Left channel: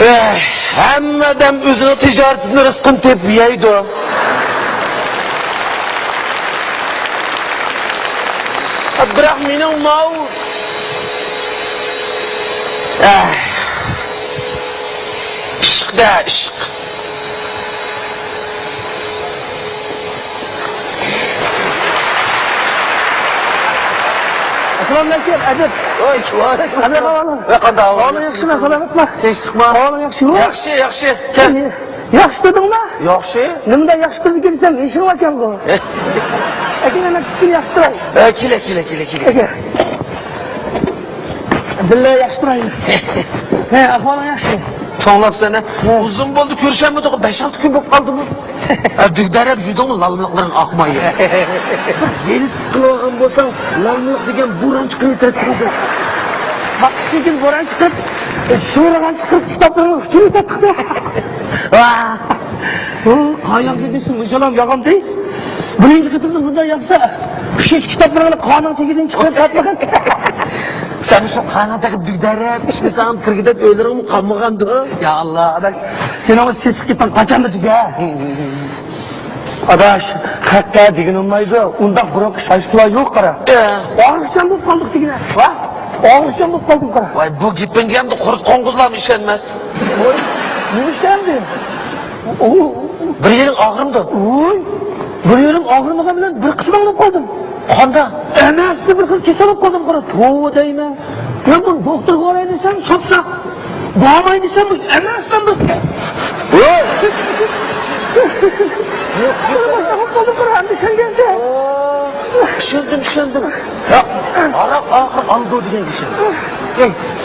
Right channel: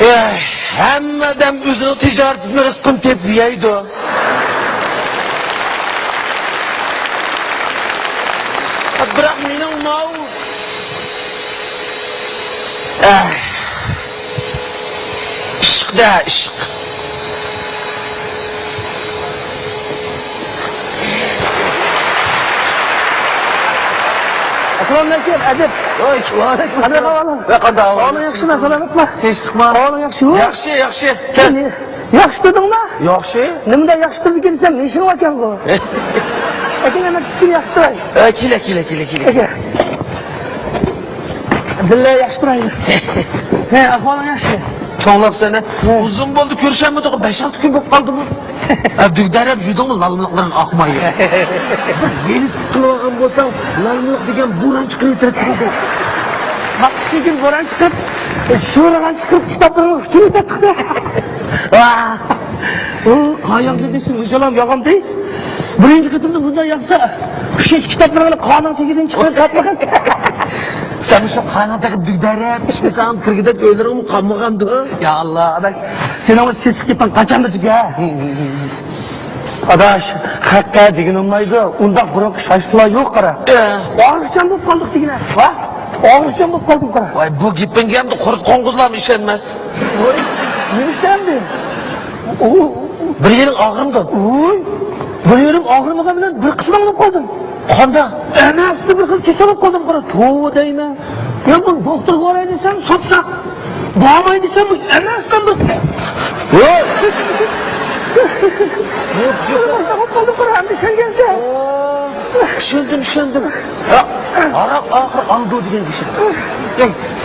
Hammadan o'zini tijoratini rizqini tepib yeydi. Biroq mening mau ishqda ishq. Assalomu Adib. Voy, Adib oğlum. Qanday ahvol? Oğlum yaxshimi, salomatmi? Tinchlikmi? Oğlum yaxshimi? Yaxshi, yaxshi. Yaxshi dedimmi? Yaxshi. Nimada yaxshi dedi desam, meshing ekan bu. Aka nima chiqdi yaxshi? Kela. Billahi yaxshi turaylik. Ha, ahvoling yaxshi. Çoğlap seni. Uzun oldu görüşemedik. 5-6 gün болып kaldı mı? Dügdarep judonun lalmılıkların akmayı. Beni kılağın bolsan, lalmılık degen buran çıkın tepkide. Bak sizin buran çıkıp, şuradan çıkıp tutatırım, şurada çıkıp. Kayak gidiyorsun, müzelam yağım değil. Birinci kıtını burada yapsa, bir şey kitaplarına kanun çekilin çıkıp satmakın. Sen şu kanadaki dügdarep, işte sen kırgıda ölürüm kalmagandı. Ya Allah, adaş, sen ama ses kipan kaçan mı ya? Adaş, katta degin olmaydı, ondan burak şaştılar yok kara. Ağrışan bu kaldık degine, ha? Ağrışan bu kaldık kara. Vay bu gipingemde kurt konguzlam işenmez. Ne işlendi? Bir yerin ağrımdı. Bir yerim ağrımağa bilen bir kısmını koydum. Kanda? Emeğisi bir kız keserek koydum kara. Tuğu deyme. Ben bunu doktor koray desem satsak. Bağmay desem emeğisten bir... Sen geldi. Düşündüm. Arap akır algıdın.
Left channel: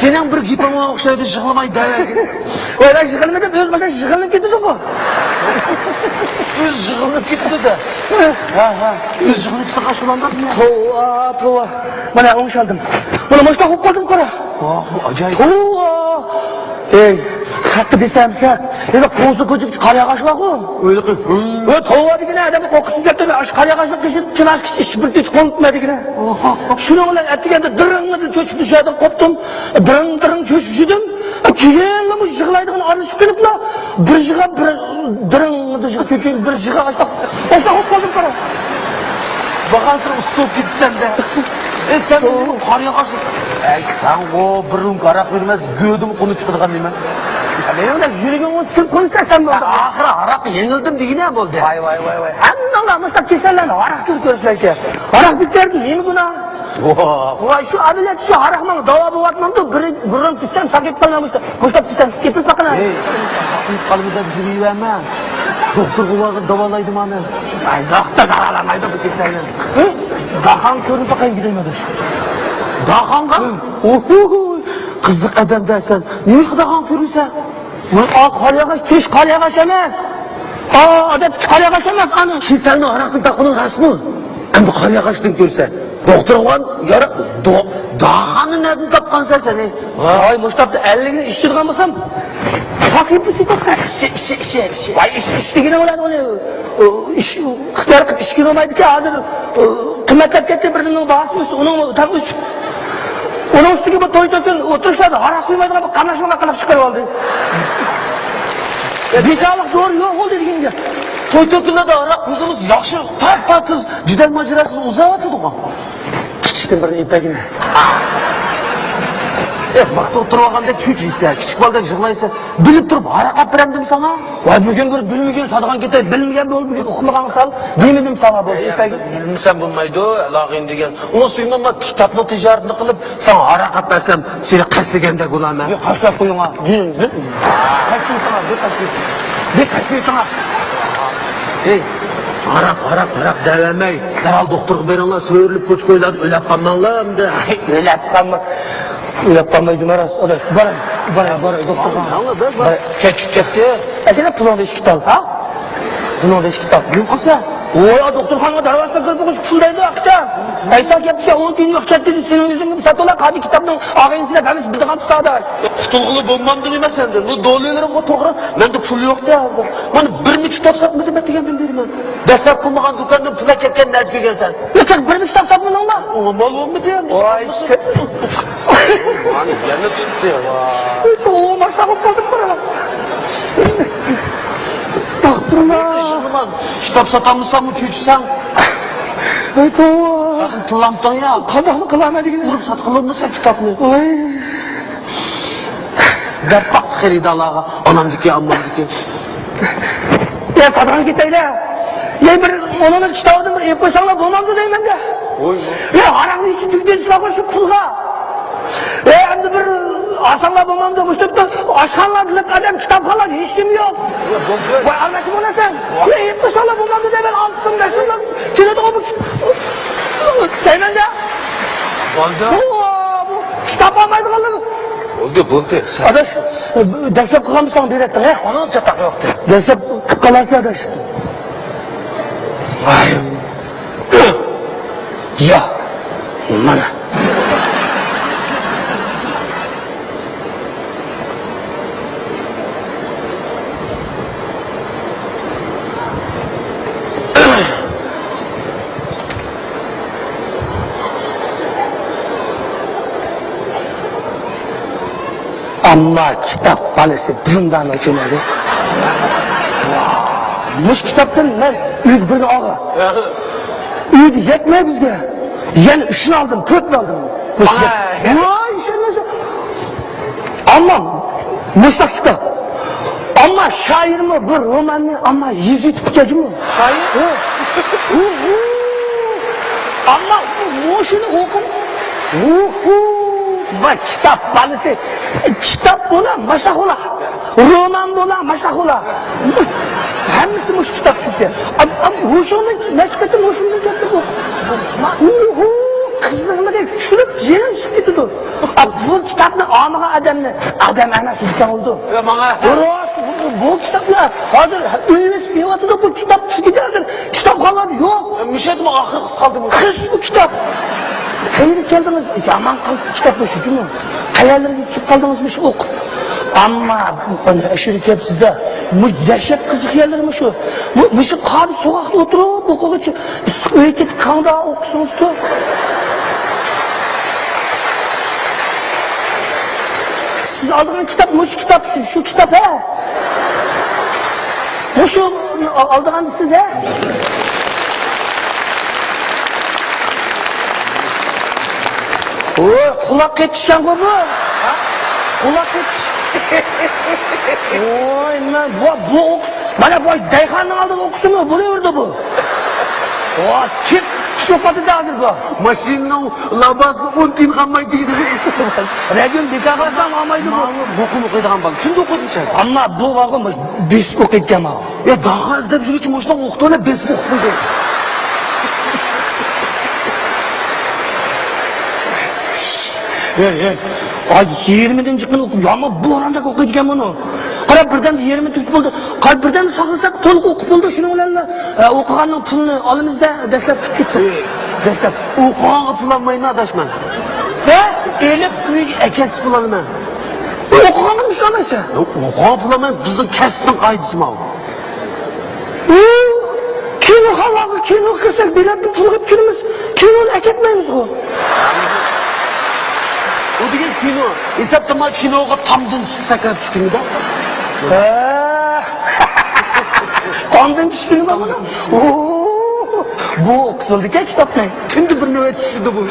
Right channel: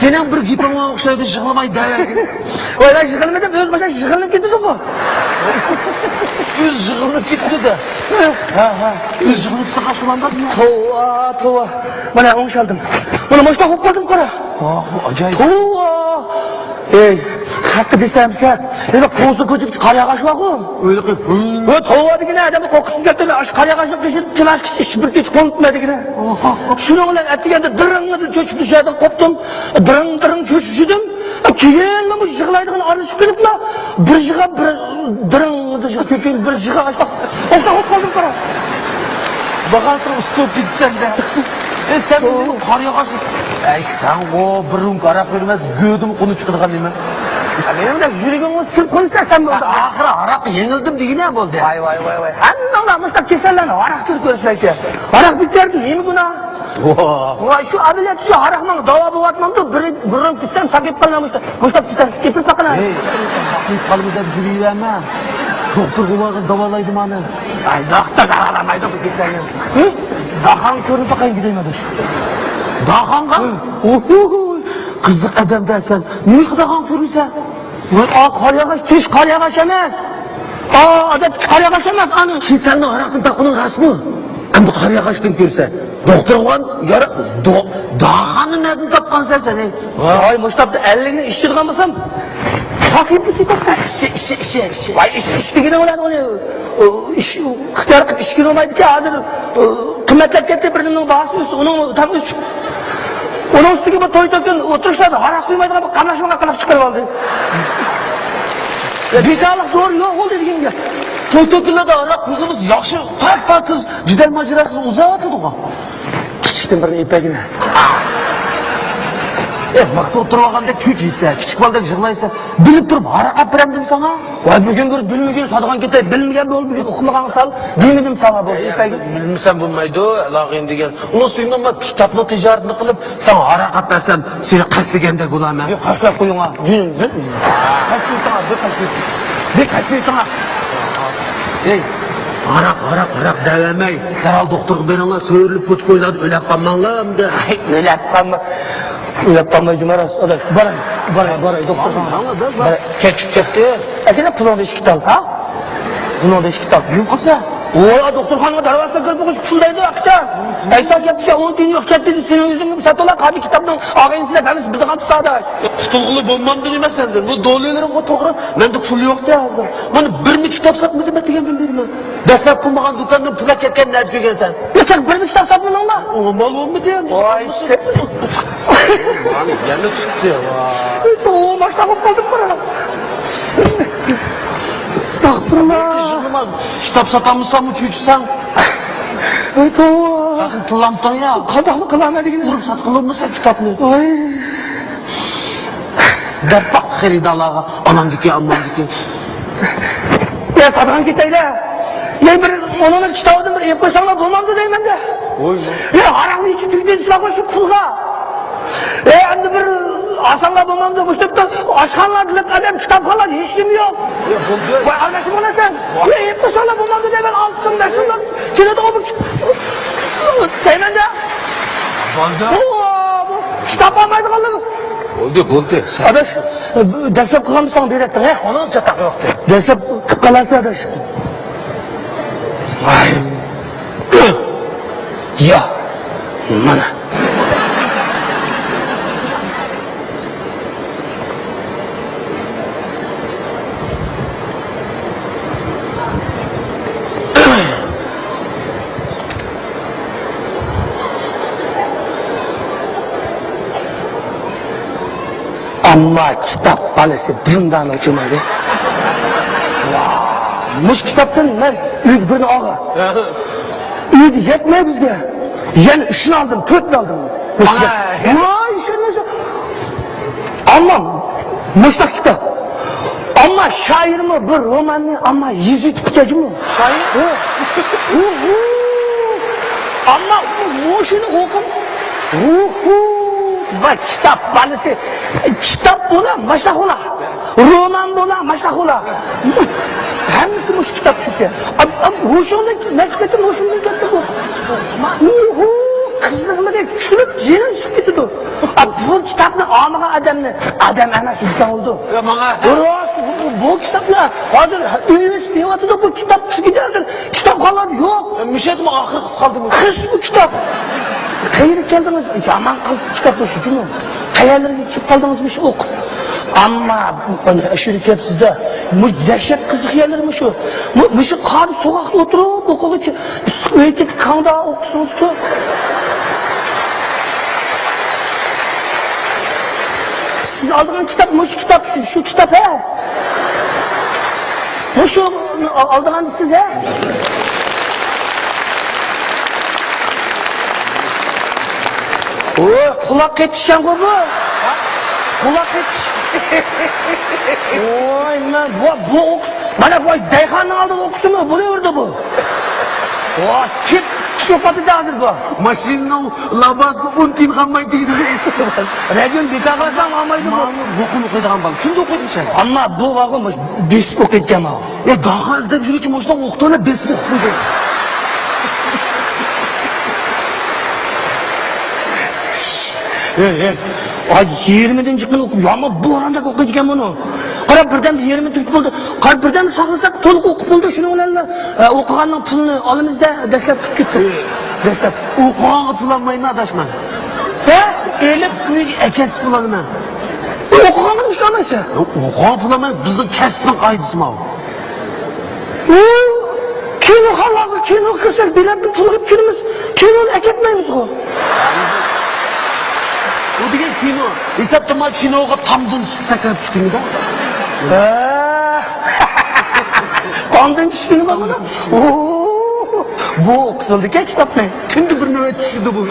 Senin bir gipama okşaydı jığılamay dayak. Vay lan jığılmadan söz başa jığılın gitti bu. Üz jığılıp gitti de. Üz jığılıp sağa sulandı mı? Tuva. Bana onu çaldım. Bana hoşma kokladım kara. Acayip. Ey, hakkı desem sen. Öyle kozu kötü kaya kaçmak o. Öyle ki. Bu tuva dikine adamı kokusu getirdi. Aş kaya kaçmak geçirip çınar hiç konutma dikine. Şunu olan etkilerde dırınladı çocuk dışarıdan koptum. Dırın çöşüşüdüm. Kirenlemiş çıkılaydığın arışıp gelip la. Bir çıkıp dırınladı çöçün bir çıkıp aşmak. Kokladım kara. Bakarsın usta gitsen de. Sen onun karıya karşı. Sen o bir kara görmez gödüm konu çıkırgan değil mi? Onda jürgen o tül koysa sen böyle. Ahıra Arap yenildim degine mi oldu? Vay. Annoğla mıstak keserler arak tül koysa. Arak biterdi iyi mi buna? Vay şu ameliyat şu arakman dava boğatmamda bunun pisten saket kalmamıştı. Mıstak pisten çıkıp bakın abi. Siz kalbide bir şey vermem. Doktor bunları davalaydım anı. Doktor davalamaydı bu pisten. Dağhan körü bakın gidemedir. Dağhan mı? Kızık adam dersen. Niye dağhan körüyse? Tüş kalyagaş emez. Adet kalyagaş emez anı. Şimdi senin arasın dağının resmi. Hem de karıya kaçtın görse. Doktor olan yarı dağhanı nereden tapkan sen seni? Vay Mustafa elini iştirgan mısın? Fakir bu sıkıntı. İştigine olan oluyor. Kızlar iştigine olaydı ki adır. Kıymetletette birinin bağısıysa onun tabi onun üstü gibi toytakın otursadı harak duymaydı ama kanaşmana kalıp çıkarıldı. Bir sağlık zor yok oldu dediğimde. Toytakınla da arak kızımız yakşı fark kız. Cidel macerasını uzavatıydı o. Küçükten bir ipekini. Bakta oturmaganda küç hisse, küçük balda jırlaysa, bilip durup haraka biramdın sana. Ya bugün bir bilmegen sadıgan keter, bilmegen bol bugün okumagan sal, bilmedim sana bu. Bilmesen bulmaydı, lağın degen. Olsun ama kitaplı ticaretini kılıp, sana harakat desem, seni kaçlegende kulağına. Yok, kaçlap koyuna. Günüm. Ne kaçlay sana? Harak devremey. Derhal doktor berinle söyürlüp puç koyladı, öyle yapkanlanlar mı? Öyle yapkanlar. Yaptanlar cumaras. Bana. Çekti. Ekene pulon beş kitap ha? Pulon beş kitap. Yok olsa. Ooo doktor hanım davasına kırpıkız şundaydı akta. Sen yapsa 10 gün yok çekti senin yüzünü satılan kadi kitabının ağabeyinizine temiz bir takım tutardı. Tutulgulu bulmam değil mi senden? Bu doğruylarım o toğru. Ben de pul yok da hazır. Bana birini kitap satmadı mı diye bilmiyorum. Destek bulmadan dükkandan pula çeken ne ediyorsun sen? Lütfen benim kitap satmın olma. Olmaz mı diyeyim? Vay işte. Hani yanık çıktı ya. başlamak dedim bana. Estağfurullah. Kitap satamızsan mı küçüksen? Sakın kılamdan ya. Kadamı kılana değil. Vurup satkılığımızsa kitabını. Dert baktı xeridalarga. Anam dikiyor, anam dikiyor. Ya kadın giteydi. Ya ona bir kitabını koşanlar bulmazdı değil mi? Oy. Ya haramın için bizden silah koşup pulga. Hem de bir aşanlar bulmazdı. Üstüpte aşkanlar dilip kalem kitapkanlar hiç kim yok. Arkadaşım ona sen. Oraya koşanlar bulmazdı değil mi? Altın dersinler. Şöyle de olmuş. Hemen de. Vanda. Kitap almaydı kaldı. Oldu. Adaş, desep kılamışsan direktin he? Onun çatak yoktu. Desep kıpkalarsa adaş. Ya. Ama kitap tanesi dindanın cümleri. Muş kitaptan ben bir de ağla. Yetmiyor bizge. Yani şunu aldım, 4 aldım. Vay sen. Ama Musa kitap. Ama şair mi bir roman mı ama yüzük kitap mı? Şair. Ama bu şunu oku. Bak kitap tanesi. Kitap buna maşak ola. Roman buna maşak ola. Hangisi muş kitap işte. Ama hoşunun nefretin hoşunun kitap bu. Kızım değil, şunu yerim sıkıntı dur. Bu kitapını almağa adam ana sistem oldu. Bu kitaplar, hazır, üniversitede bu kitap çıkacaksın. Kitap kalan yok. Müşedim ahır kaldım. Kız bu kitap. Köyünü kendiniz, aman kitap olsun değil mi? Hayallerini kendiniz bir şey oku. Ama aşırı kitap sizde, dehşet kızık yerlermiş o. Bu bir şey kaldı sokakta oturup okul için. Öğretik kanda okusunuz çok. Siz aldığınız kitap mı şu kitap, şu kitap he? Ne şu aldığınız siz he? Kulak yetişen koku. Kulak yetişen. Oy lan bu bana bu daykanın aldığı okusu mu? Bu ne orada bu? Kim sohbeti de hazır bu? Maşinin labasını unutayım kalmayı değil. Redin bir takasam almaydı bu. Bokumu koyduğum bak. Kim okudu sen? Ama bu vakı biz okuyacağım ha. Ya daha az da bir için boşuna okuduğuna bez okudu. Ay 20'den çıkmadı okuyor ama bu anda okuyacağım onu. Kara birden 20 Türk buldu. Kara birden saklasak toluk okup buldu şunu olanla. Okuğanın pulunu alımızda desek gitti. Desek okuğanı pulanmayın adaşman. He? Elip kıyık ekes pulanma. Okuğanın sonrası. Okuğanı pulanmayın bizden kestin kaydısı mı? Kimi halağı, kimi kısır, bilen bir çocuk kimimiz, kimin ekitmeyiz o. O деген кино. Есаптама киноға тамдың сакан түскені да. Tamdың түскені ба бұдан? Bu kısıldı ki kitaptan. Kimdi bir nöbet düşürdü bu?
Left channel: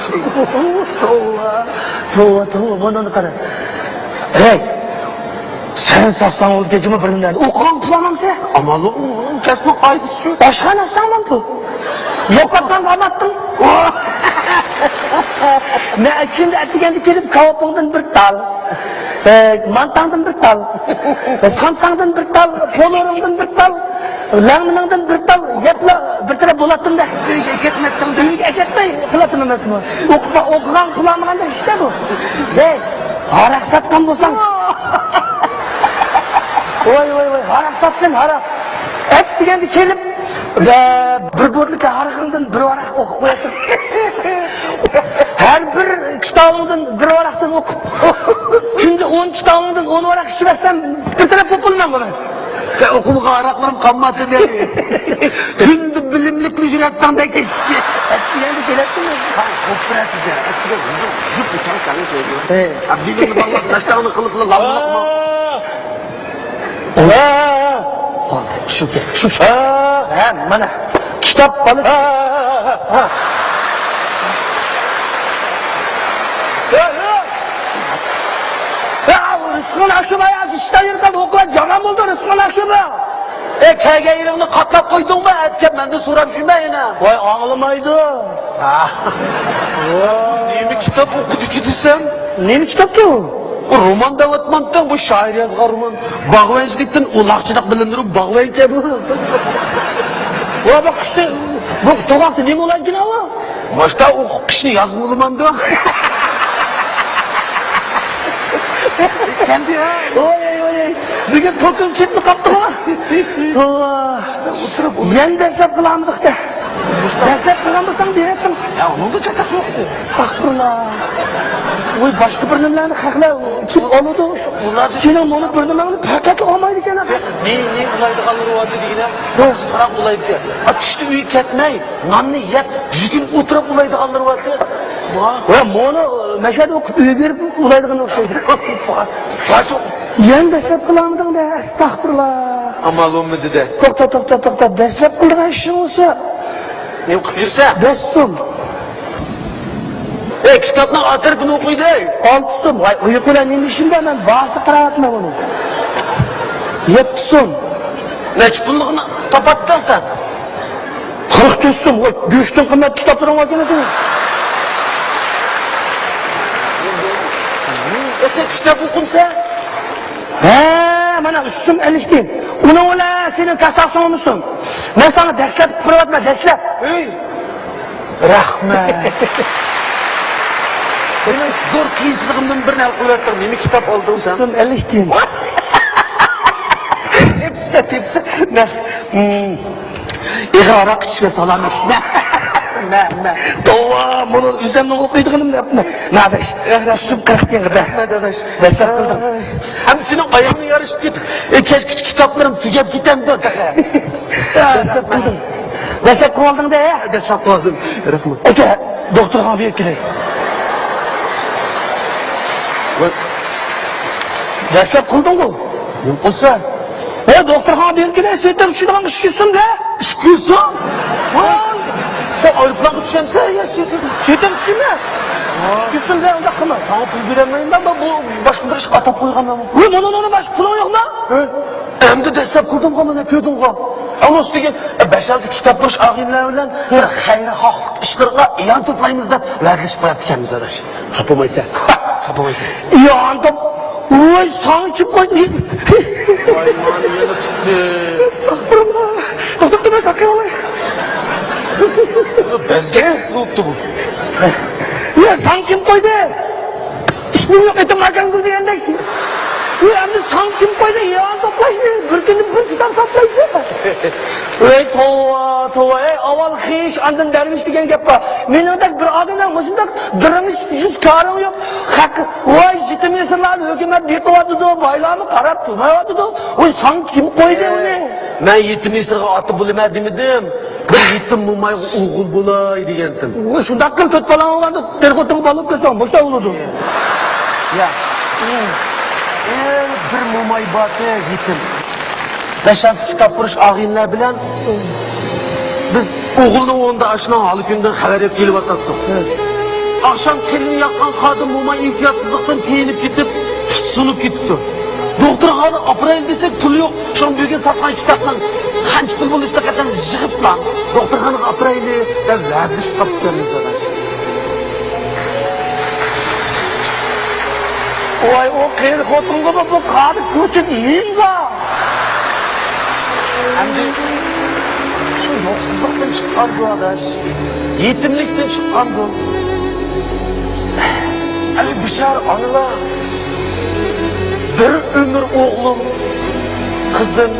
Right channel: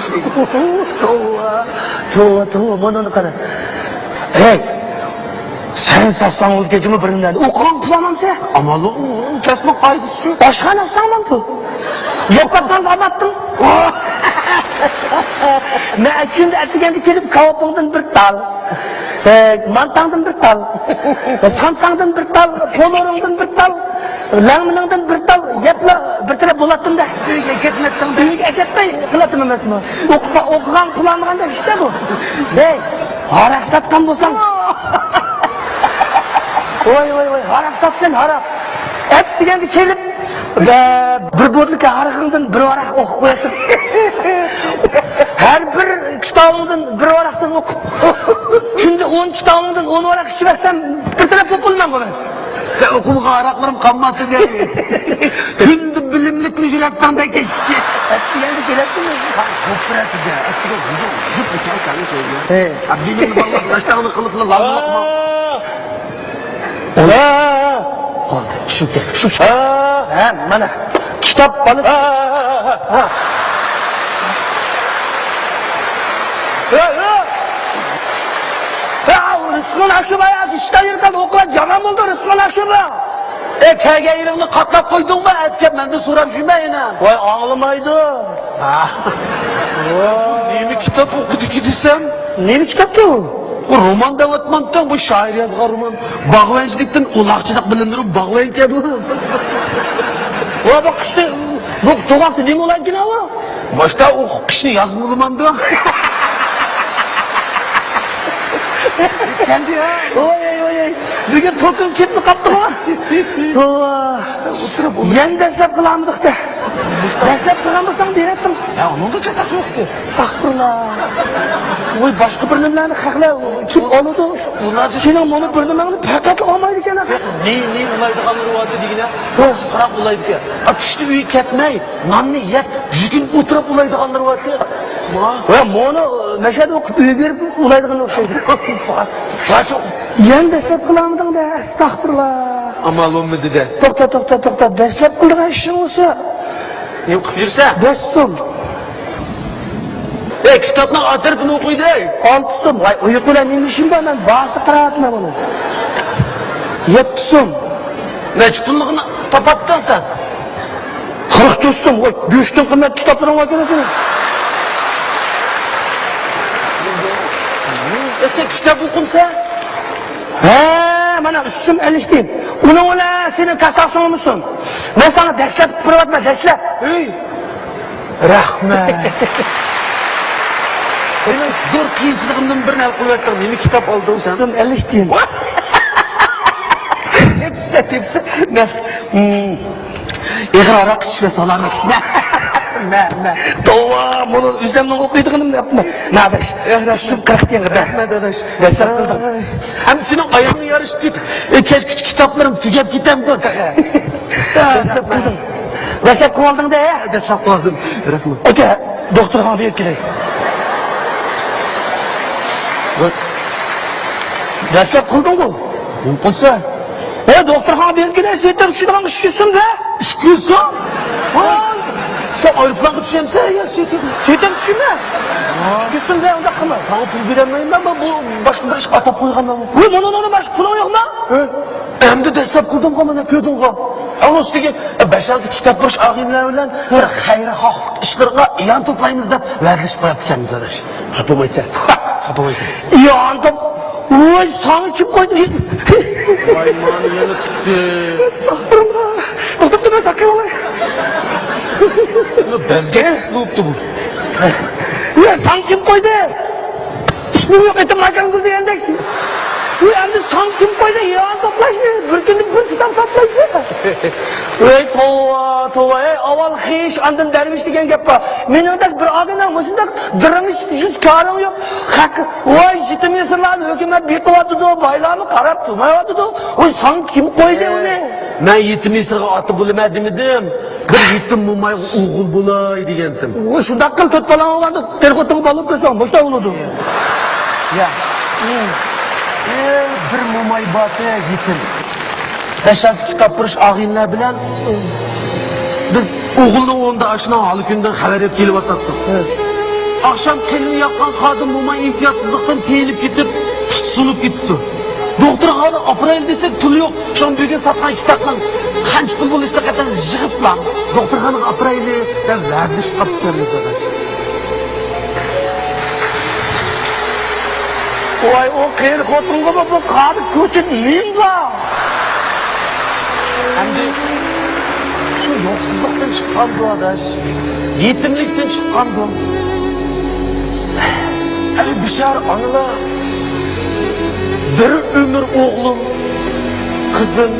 Tuğ, bundan sonra. Sen satsan ol geçme bölümlerde. Okuğan tutamam sen. Aman o, kesme kaydısı. Başkan aslanmam tu. Yetmekten anlattım. Ben şimdi ertegen dikerim kavapından bir dal. Mantandan bir dal. Samsangdan bir dal. Polorumdan bir dal. Langmınından bir dal. Yapla bir kere bulattım da. Eketmettim. Büyük eketmeyin. Kılatın ömretimi. Okulan kullanmağında işte bu. Haras satkan bulsan. Oy. Haras sattın haras. Ertegen dikerim. Bir bodluk harıkından bir varak okuyasın. Her bir kitabımdan bir varaktan oku. Şimdi 10 kitabımdan 10 varak sürersem bir tane populmam bana. Sen okumuğa araklarım kanması geldi. Şimdi bilimlik ücretten de geçti. Eskiden gerektin mi? Kopyası geldi. Bilim valla kaç tane kılıklı lavuk mu? Şu. Mana kitap balık. Rızkın aşırı ya, işte yerden okuyan canım oldu rızkın aşırı. Kege yılını katlap koydun mu? Etken ben de soram şuna. Vay ağlamaydı. Neyini kitap okudu ki desem? Neyini kitap bu? Bu roman davatmaktan bu şair yazgan roman. Bağlayıcılıktan ulakçılık bilindirip bağlayın ki bu. Vay bak işte, bu doğası ne olan ki ne var? Başka o kişini yazmılımam da. Kendi ya. Oy. Bugün totum kimdi kaptı var? Oturup yan desep kılamdık da. Desep kılamdıktan diyesin. Ya onun da çatası yoktu. Estağfurullah. Oy başka bölümlerini kakla. Çık onu da. Senin onu bölümlerini patlatıp olmaydı gene. Ne olaydı kalır o adı değil. Ben sıfırak olaydı ya. Akışlı büyük ketmeyi. Namni yet. Yüzgün oturup olaydı kalır o adı ya. Bunu meşhede okup üyedir olaydı kalır. Yan desep kılamdık da. Estağfurullah. Amal olmadı da. Tok. Desep kılama işin olsa. Ne okup yürüse? Beşsin. Kitapla atırkını okuydu. Altısın. Vay uyukuyla demişim de ben bazı tarafına bunu. Yetsin. Meçhulluğunu kapattın sen. 49'sun. Vay güçtün kıymet kitapların altına değil. Sen kitap okunsa? Bana üstüm enişteyim. Onu ola senin kasapsın olmuşsun. Ben sana destek kırvatma destek. Rahmet. Öyle zor kıyınçılığımdan bir ne kuvvetler. Yeni kitap oldun sen. Üstüm enişteyim. Hepsi. Ne? İğara kişiye salam etme. Ne? Dova bunu üzerine okuyduğunu yapma. Ne adaş? Üstüm kırık yerde. Rahmet adaş. Destek kıldım. Hem senin ayağını yarış git. Keşke kitaplarım tüket gitem de. Destek kıldın da ya. Destek lazım. Rahmet. Öte doktora bir girey. Destek kıldın mı? Yoksa? Doktora bir girey. Sen şuradan üşüyorsun be. Üşüyorsun? Sen ayrıkla kutuşamsa ya şeytan. Şeytan üşüme. Üşüyorsun be onda kıma. Bildiremeyim ben bu başında iş atıp koygan ben. Onun baş kılıyor yok lan. Hem de destek kıldım kanı ne gördün kan. Ama üstüge 5-6 kitap boş ağınlar bilen bir hayır haflık işlerine ilan toplayımız da veriliş koyat kendimiz adaş. Kapamaysa. Yandım. Vay sana kim koydu? Bezgen soğuktu bu. Ya sen kim koydu? İşte yok etim aydan diyeceksin. Ya sen kim koydu? Ya toplaşmıyor. Bir günlük bir kitap toplaşmıyor. Ey tova aval hiç andın derviş diyen gap var. Men orada bir adına mısındak dırmış yüz karım yok. Hak vay jitimiyorsunlar hükümet bir kovadı da baylamı karab tutmayadı da. Oy sen kim koydu onu? Ben yetimi sırğa atı bilmedim idim. Bir yetim mumay uğul bulay diyendim. O şundakkın tut falan olmadı. Terpatımı balık kısam. Boşta olurdu. Ya. Bir mumay batı yetim. 5-6 kitap buluş ağınlar bilen biz oğulun onda aşına halıkından haber hep gelip ataktık. Akşam kendini yakan kadın mumay imtiyatsızlıktan teyilip gidip sunup gitti. Doktor ağabey aprayın desek tülü yok. Şun büyüge satman kitaplan. Kançtın bunu işte kadar jığıp lan. Doktor hanım aprayın diye ben vermiş kaptım. Vay o kıyır kotunga bak bu kadı kuçun neyim var? Yoksuzluktan çıkan bu adaş. Yetimlikten çıkan bu. Hani bir şey anla. Bir ömür oğlum, kızım,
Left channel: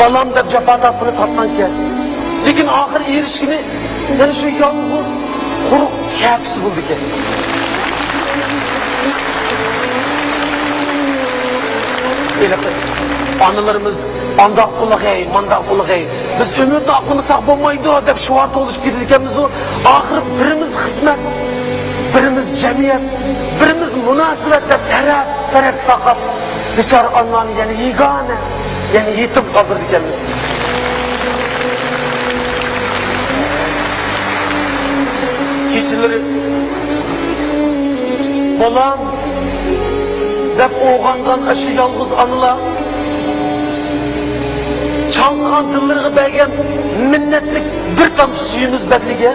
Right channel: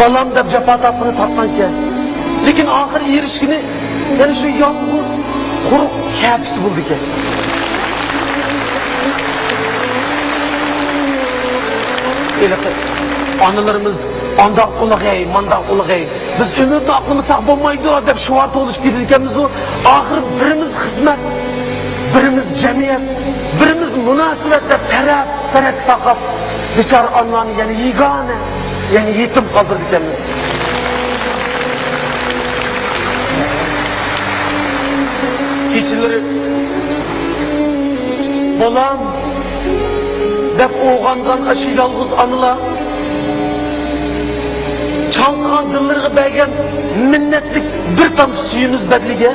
balam da cepadapını satmanken. Lekin ahir erişkini, yarışı yalnız, kuruk kıyafisi buldu ki. Anılarımız andak kulağay, mandak kulağay. Biz ömürde aklımız sağ bulmaydı, dep şuart oluş gidirkemiz o. Ahir birimiz hizmet, birimiz cemiyet, birimiz münasebette taraf sakıp, Biçare anlarını yani yegane, yani yetim kaldırdık kendimiz. Keçileri, balam, dep oğandan aşı yalnız anılar, çanğan dıllarına belgem minnetlik bir tam suyunuz bedlige,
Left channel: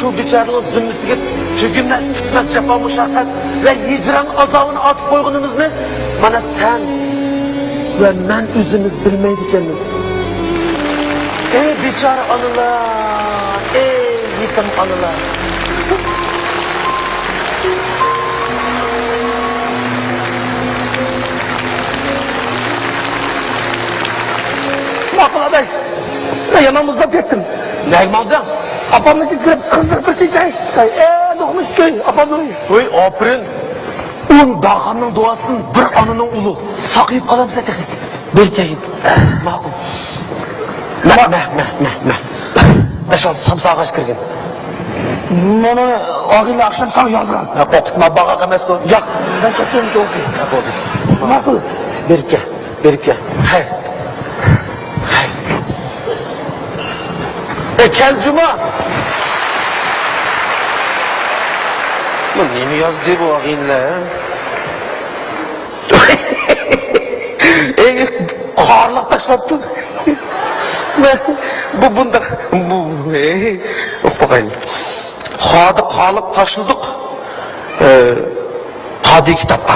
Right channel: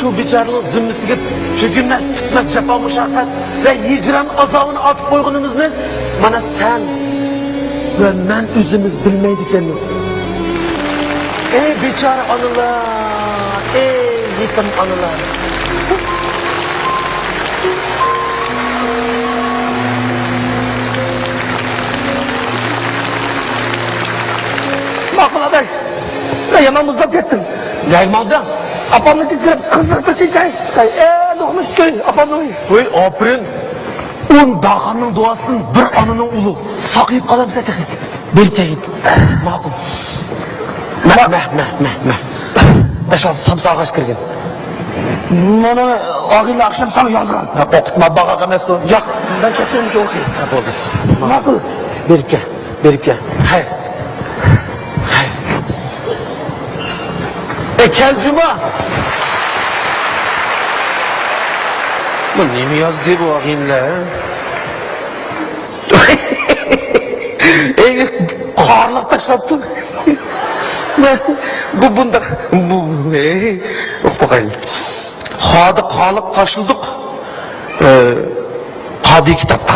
şu biçarının zümrüsünü tükünmez tutmaz cefa muşakat ve hicran azabını atıp koygunumuzni bana sen ve ben üzümüz bilmeydikenimiz. Ey biçar anılar, ey yetim anılar. Bakın arkadaş, ne yamamızda ettim. Yaymadın. Apamı getirip kızartı diyecek. Sen doğmuş köy, apamı. Oy, aferin. 10 dağanın duasının bir anının ulu. Saklayıp kalayım zaten. Bir keyip. Makul. Meh. Aşağı samsağa kaç kirgen. Bana ağzıyla akşam sağ yardım. Yok yok, tutma bağa demez ki. Gel. Makul. Berip gel. Hayır. Kel cuma. Bu neyini yazdı bu ağinle? Karlık taşlattı. Bu bunda bakayım. Karlık taşladık. Kadi kitapta.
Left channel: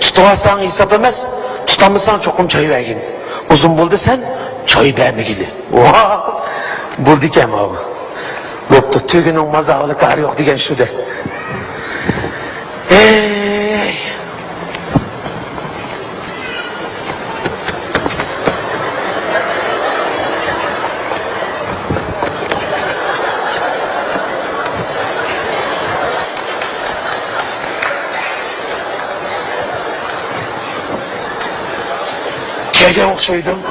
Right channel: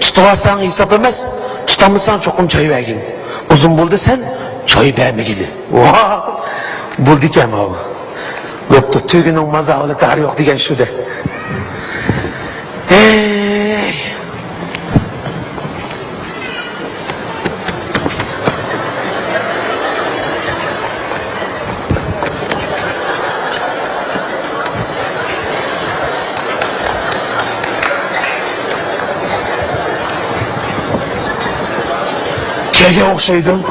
Tutamazsan hesap emez. Tutamazsan çokum çayı vergin. Uzun buldu sen çayı vermegili. Buldu ki ama o. Boptu tügünün mazağını tarih yok diyen şudur. Kege okşaydın.